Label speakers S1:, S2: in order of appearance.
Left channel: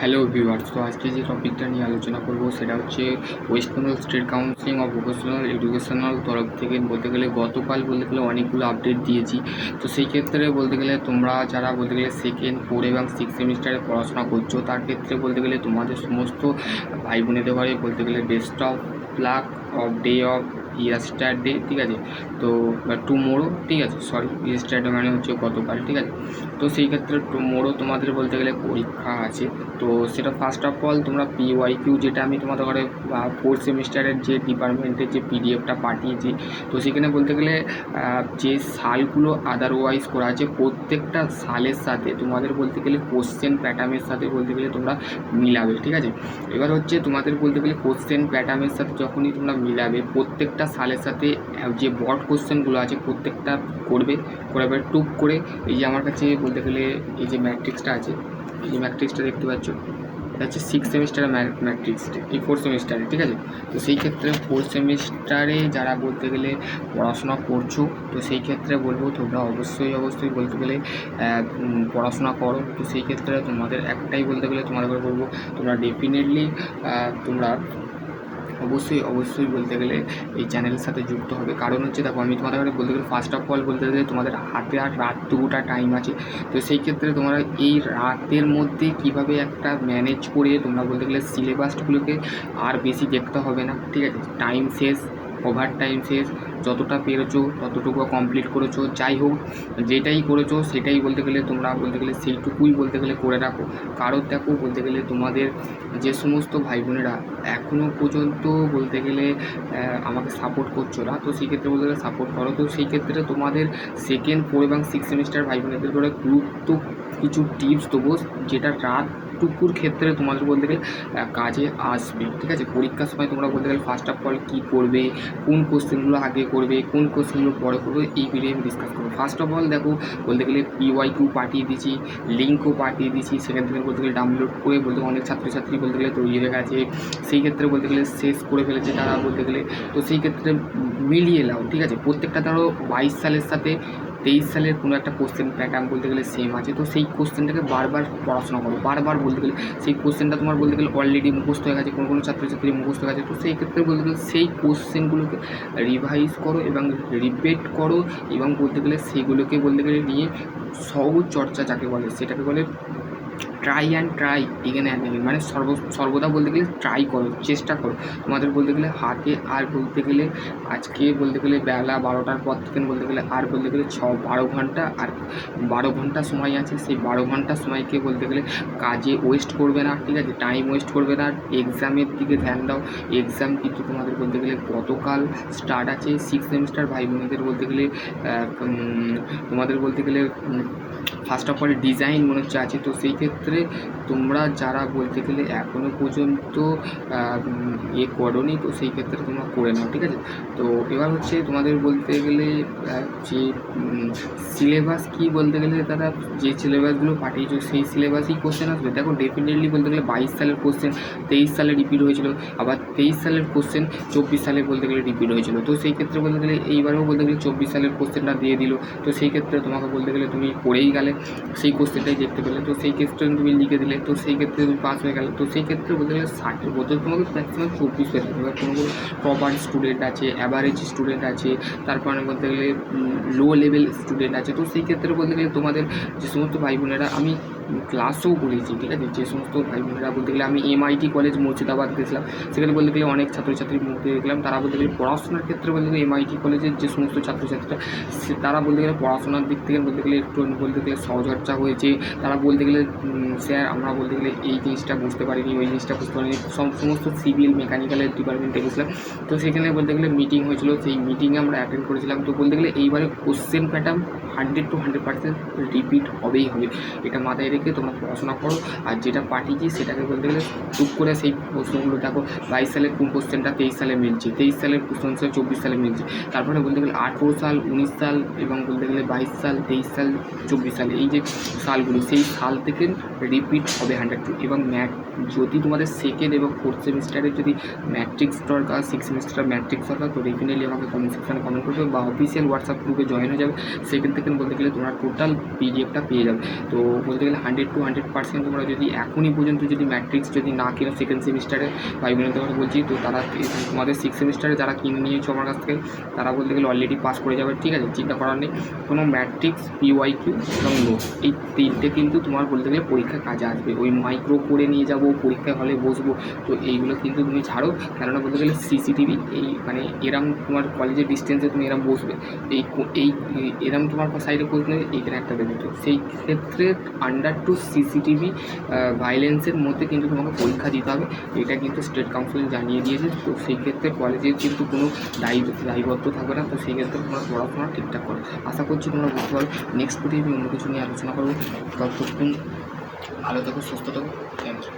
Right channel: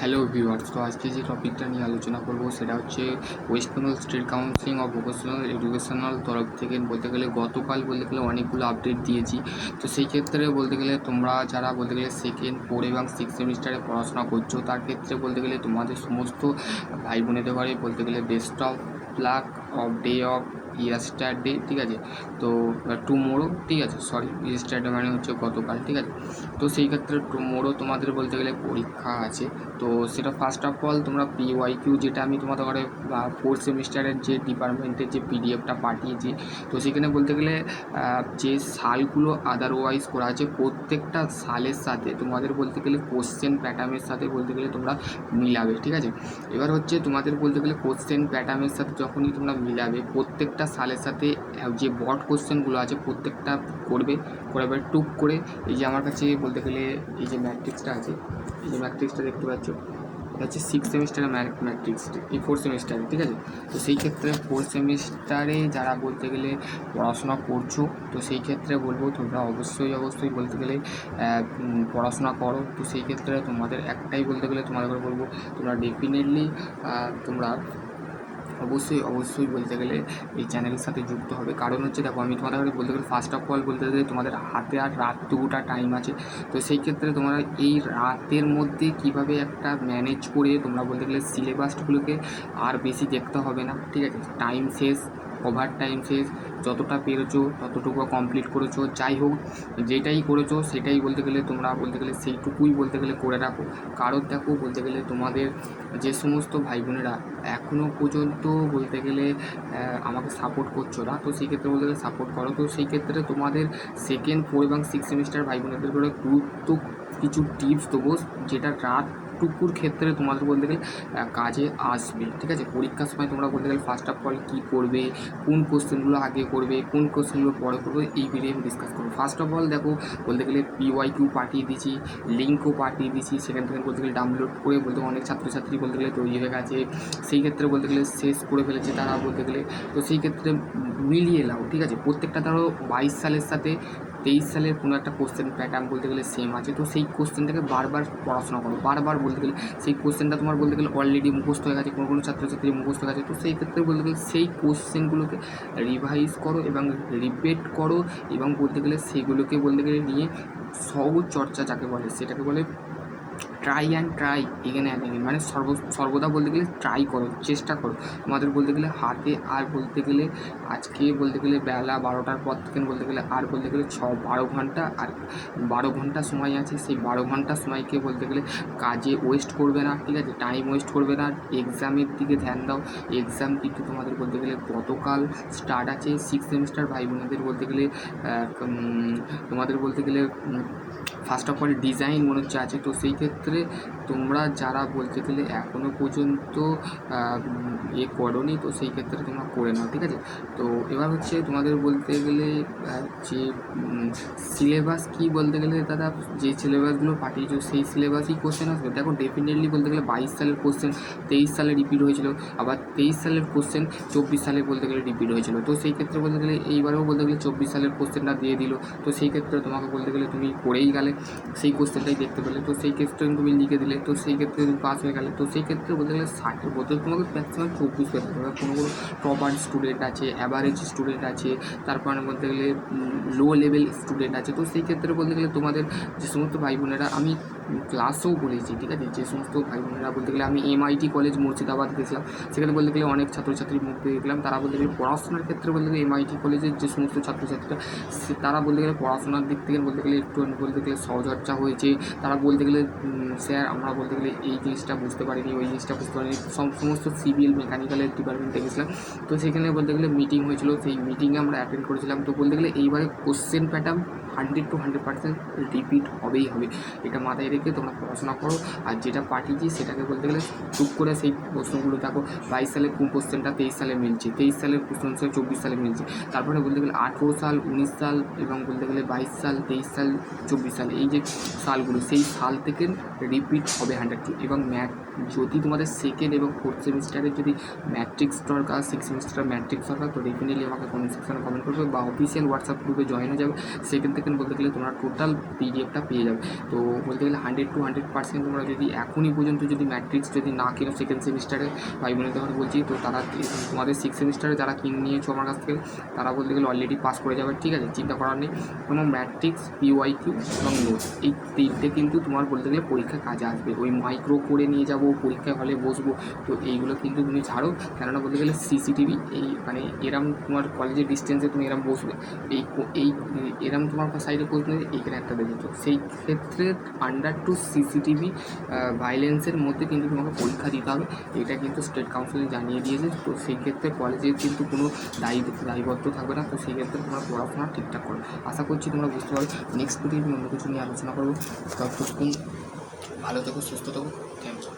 S1: Hello viewers, তো আজকে যে টপিকটা নিয়ে আলোচনা করব সেটা হচ্ছে West Bengal state counselling of vocational educational তরফ থেকে বলতে গেলে গতকাল বলতে গেলে অনেকগুলো আপডেট দিয়েছি। তো সেই ক্ষেত্রে বলতে গেলে তোমরা যারা বলতে গেলে সেকেন্ড ফোর এবং সিক্স সেমিস্টারে পড়াশোনা করছ, তার ক্ষেত্রে বলতে গেলে তোমাদের সমস্ত ভাই বোনেদের বারে বলতে গেলে best of luck of day of yesterday ঠিক আছে? তো টুমোরো ঠিক আছে? সরি ইয়াস্টারডে মানে হচ্ছে গতকাল, ঠিক আছে? তো সেই ক্ষেত্রে টুমোরো তোমাদের বলতে গেলে পরীক্ষা আছে। তো সেটা ফার্স্ট অফ অল তোমরা পিওয়াই কিউ যেটা আমি তোমাদের ঘরে ফোর্থ সেমিস্টারের যে ডিপার্টমেন্টের যে পিডিএফটা পাঠিয়েছি, তো সেখানে বলতে গেলে যে সালগুলো আদারওয়াইজ করা আছে, প্রত্যেকটা সালের সাথে তোমাদের বলতে গেলে কোশ্চেন প্যাটার্নের সাথে বলতে গেলে তোমরা মিলাবে, ঠিক আছে? এবার হচ্ছে তোমাদের বলতে গেলে কোশ্চেন প্যাটার্নের সাথে যখনই তোমরা মিলাবে, প্রত্যেকটা সালের সাথে যে বড কোশ্চেনগুলো আছে প্রত্যেকটা করবে করে টুক করে এই যে আমার কাছে বলতে গেলে এই যে ম্যাট্রিক্সটা আছে, এই যে ম্যাট্রিক্সটা দেখতে পাচ্ছ, এটা হচ্ছে সিক্স সেমিস্টারের ম্যাট্রিক্স এই ফোর্থ সেমিস্টারে ঠিক আছে? তো সেই ক্ষেত্রে ফোর্থ সেমিস্টারে যারা বলতে গেলে পড়াশোনা করছ, তো সেই ক্ষেত্রে বলব তোমরা অবশ্যই অবশ্যই বলতে গেলে পড়াশোনা করো। তো সেই ক্ষেত্রে তোমাদের একটাই বলতে গেলে তোমাদের বলব, তোমরা ডেফিনেটলি তোমরা অবশ্যই অবশ্যই বলতে গেলে এই চ্যানেলের সাথে যুক্ত হবে। কারণ হচ্ছে দেখো, আমি তোমাদের বলতে গেলে ফার্স্ট অফ অল বলতে গেলে তোমাদের হাতে আর রাত দুটা টাইম আছে। তো সেই ক্ষেত্রে তোমরা এই রাতের মধ্যে কীভাবে একটা ম্যানেজ করে তোমরা বলতে গেলে সিলেবাসগুলোকে আর বেশি দেখতে হবে না, ঠিক আছে? টাইম শেষ ওভার টাইম শেষ যতটা পেরেছ, ততটুকু কমপ্লিট করেছ। যাই হোক, যেটাই করেছ, সেটাই বলতে গেলে তোমরা বলতে গেলে সেইটুকুই বলতে গেলে করে রাখো। কারণ দেখো বলতে গেলে তোমাদের যে সমস্ত ভাই বোনেরা এখনও পর্যন্ত বলতে গেলে আমাকে সাপোর্ট করছ না, তো সেই ক্ষেত্রে বলতে গেলে সাপোর্ট করো। তো সেই ক্ষেত্রে তোমাদের সেকেন্ড ফোর এবং সিক্স সেমিস্টার ভাই বোনেদের করে গুরুত্ব কিছু টিপস দেবো, যেটা রাত টুকুর ক্ষেত্রে তোমাদের বলতে গেলে কাজে আসবে, ঠিক আছে? পরীক্ষার সময় তোমরা বলতে গেলে ফার্স্ট অফ অল কী করবে, কোন কোশ্চেনগুলো আগে করবে, কোন কোশ্চেনগুলো পরে করবে এই ভিডিও আমি ডিসকাস করব। ফার্স্ট অফ অল দেখো, বলতে গেলে পিওয়াই কিউ পাঠিয়ে দিয়েছি লিঙ্কও পাঠিয়ে দিয়েছি, সেখান থেকে বলতে গেলে ডাউনলোড করে বলতে অনেক ছাত্রছাত্রী বলতে গেলে তৈরি হয়ে গেছে। সেই ক্ষেত্রে বলতে গেলে শেষ করে ফেলেছে তারা বলতে গেলে। তো সেই ক্ষেত্রে মিলিয়ে নাও, ঠিক আছে? প্রত্যেকটা ধরো বাইশ সালের সাথে তেইশ সালের কোনো একটা কোশ্চেন প্যাটার্ন বলতে গেলে সেম আছে। তো সেই কোশ্চেনটাকে বারবার পড়াশোনা করো। বারবার বলতে গেলে সেই কোশ্চেনটা তোমার বলতে গেলে অলরেডি মুখস্থ হয়ে গেছে, কোনো কোনো ছাত্রছাত্রী মুখস্থ হয়ে গেছে। তো সেই ক্ষেত্রে বলতে গেলে সেই কোশ্চেনগুলোকে রিভাইজ করো এবং রিপিট করো এবং বলতে গেলে সেইগুলোকে বলতে গেলে নিয়ে সহজ চর্চা যাকে বলে, সেটাকে বলে try and try again and মানে সর্ব, সর্বদা বলতে গেলে ট্রাই করো, চেষ্টা করো। তোমাদের বলতে গেলে হাতে আর বলতে গেলে আজকে বলতে গেলে বেলা বারোটার পর থেকে বলতে গেলে আর বলতে গেলে ছ, বারো ঘণ্টা আর বারো ঘণ্টা সময় আছে। সেই বারো ঘণ্টা সময়কে বলতে গেলে কাজে ওয়েস্ট করবে না, ঠিক আছে? টাইম ওয়েস্ট করবে না। এক্সামের দিকে ধ্যান দাও। এক্সাম কিন্তু তোমাদের বলতে গেলে গতকাল স্টার্ট আছে। সিক্স সেমিস্টার ভাই বোনেদের বলতে গেলে তোমাদের বলতে গেলে ফার্স্ট অফ অল ডিজাইন মনে হচ্ছে আছে। তো সেই ক্ষেত্রে তোমরা যারা বলতে গেলে এখনও পর্যন্ত এ করোনি, তো সেই ক্ষেত্রে তোমরা করে নাও, ঠিক আছে? তো এবার হচ্ছে তোমাদের বলতে গেলে যে সিলেবাস কি বলতে গেলে দাদা যে সিলেবাসগুলো পাঠিয়েছো, সেই সিলেবাসই কোশ্চেন আসবে। দেখো ডেফিনেটলি বলতে গেলে বাইশ সালের কোশ্চেন তেইশ সালে রিপিট হয়েছিল, আবার তেইশ সালের কোশ্চেন চব্বিশ সালে বলতে গেলে রিপিট হয়েছিল। তো সেই ক্ষেত্রে বলতে গেলে এইবারেও বলতে গেলে চব্বিশ সালের কোশ্চেনটা দিয়ে দিল। তো সেই ক্ষেত্রে তোমাকে বলতে গেলে তুমি পড়েই গেলে সেই কোশ্চেনটাই দেখতে পেলে। তো সেই ক্ষেত্রে তুমি লিখে দিলে, তো সেই ক্ষেত্রে তুমি পাস হয়ে গেলে, তো সেই ক্ষেত্রে বলতে গেলে ষাটের বছর তোমাকে ম্যাক্সিমাম চব্বিশ হয়ে থাকবে কোনো কোনো প্রপার স্টুডেন্ট আছে অ্যাভারেজ স্টুডেন্ট আছে, তারপরে বলতে গেলে লো লেভেল স্টুডেন্ট আছে। তো সেই ক্ষেত্রে বলতে গেলে তোমাদের যে সমস্ত ভাই বোনেরা, আমি ক্লাসেও বলেছি ঠিক আছে যে সমস্ত ভাই বোনেরা বলতে গেলে আমি এমআইটি কলেজ মুর্শিদাবাদ গেছিলাম সেখানে বলতে গেলে অনেক ছাত্রছাত্রীর মুখ দেখলাম তারা বলতে গেলে পড়াশোনার ক্ষেত্রে বলতে গেলে এমআইটি কলেজের যে সমস্ত ছাত্রছাত্রীরা তারা বলতে গেলে পড়াশোনার দিক থেকে বলতে গেলে একটু বলতে গেলে সহচর্চা হয়েছে তারা বলতে গেলে স্যার আমরা বলতে গেলে এই জিনিসটা বুঝতে পারিনি ওই জিনিসটা বুঝতে পারিনি সমস্ত সিভিল মেকানিক্যালের ডিপার্টমেন্টে গেছিলাম তো সেখানে বলতে গেলে মিটিং হয়েছিল সেই মিটিংয়ে আমরা অ্যাটেন্ড করেছিলাম তো বলতে গেলে এইবারে question pattern hundred to hundred percent repeat হবেই হবে। এটা মাথায় রেখে তোমরা পড়াশোনা করো। আর যেটা পাঠিয়েছি সেটাকে বলতে গেলে টুক করে সেই প্রশ্নগুলো দেখো। বাইশ সালের কোন কোশ্চেনটা তেইশ সালে মিলছে? তেইশ সালের কোশ্চেন চব্বিশ সালে মিলছে। তারপরে বলতে গেলে আঠেরো সাল, উনিশ সাল এবং বলতে গেলে বাইশ সাল, তেইশ সাল, চব্বিশ সাল এই যে সালগুলো, সেই সাল থেকে রিপিট হবে হান্ড্রেড টু এবং ম্যাথ যদি তোমাদের সেকেন্ড এবং ফোর্থ সেমিস্টারে যদি ম্যাট্রিক্স দরকার সিক্স সেমিস্টার ম্যাট্রিক্স দরকার, তো ডেফিনেটলি আমাকে কমেন্ট সেকশনে কমেন্ট করবে বা অফিসিয়াল হোয়াটসঅ্যাপ গ্রুপে জয়েন হয়ে যাবে। সেখান থেকে থেকে বলতে গেলে তোমরা টোটাল পিডিএফটা পেয়ে যাবে। তো বলতে গেলে হান্ড্রেড টু হান্ড্রেড পার্সেন্ট তোমরা যদি এখনই পর্যন্ত যদি ম্যাট্রিক্স যদি না কিনো সেকেন্ড সেমিস্টারে ভাই বোনদের কথা বলছি, তো তারা তোমাদের সিক্স সেমিস্টারে যারা কিনে নিয়েছো আমার কাছ থেকে, তারা বলতে গেলে অলরেডি পাস করে যাবে, ঠিক আছে? চিন্তা করার নেই। কোনো ম্যাট্রিক্স পিওয়াই কিউ এবং নোটস এই তিনটে কিন্তু তোমার বলতে গেলে পরীক্ষা কাজে আসবে। ওই মাইক্রো করে নিয়ে যাব পরীক্ষায় হলে বসবো। তো এইগুলো কিন্তু তুমি ছাড়ো। কেননা বলতে গেলে সিসিটিভি এই মানে এরম তোমার কলেজের ডিস্টেন্সে তুমি এরম বসবে। এই এই এরম তোমার সাইডে বসলে এইখানে একটা দেবে তো সেই ক্ষেত্রে আন্ডার টু সিসিটিভি ভাইলেন্সের মধ্যে কিন্তু তোমাকে পরীক্ষা দিতে হবে এটা কিন্তু স্টেট কাউন্সিল জানিয়ে দিয়েছে তো সেই ক্ষেত্রে কলেজের কিন্তু কোনো দায়ী দায়বদ্ধ থাকবে না তো সেই ক্ষেত্রে তোমরা পড়াশোনা ঠিকঠাক করো আশা করছি তোমরা বুঝতে পারবে নেক্সট ভিডিও আমি অন্য কিছু নিয়ে আলোচনা করব ভালো থেকো সুস্থ থাকো থ্যাংক ইউ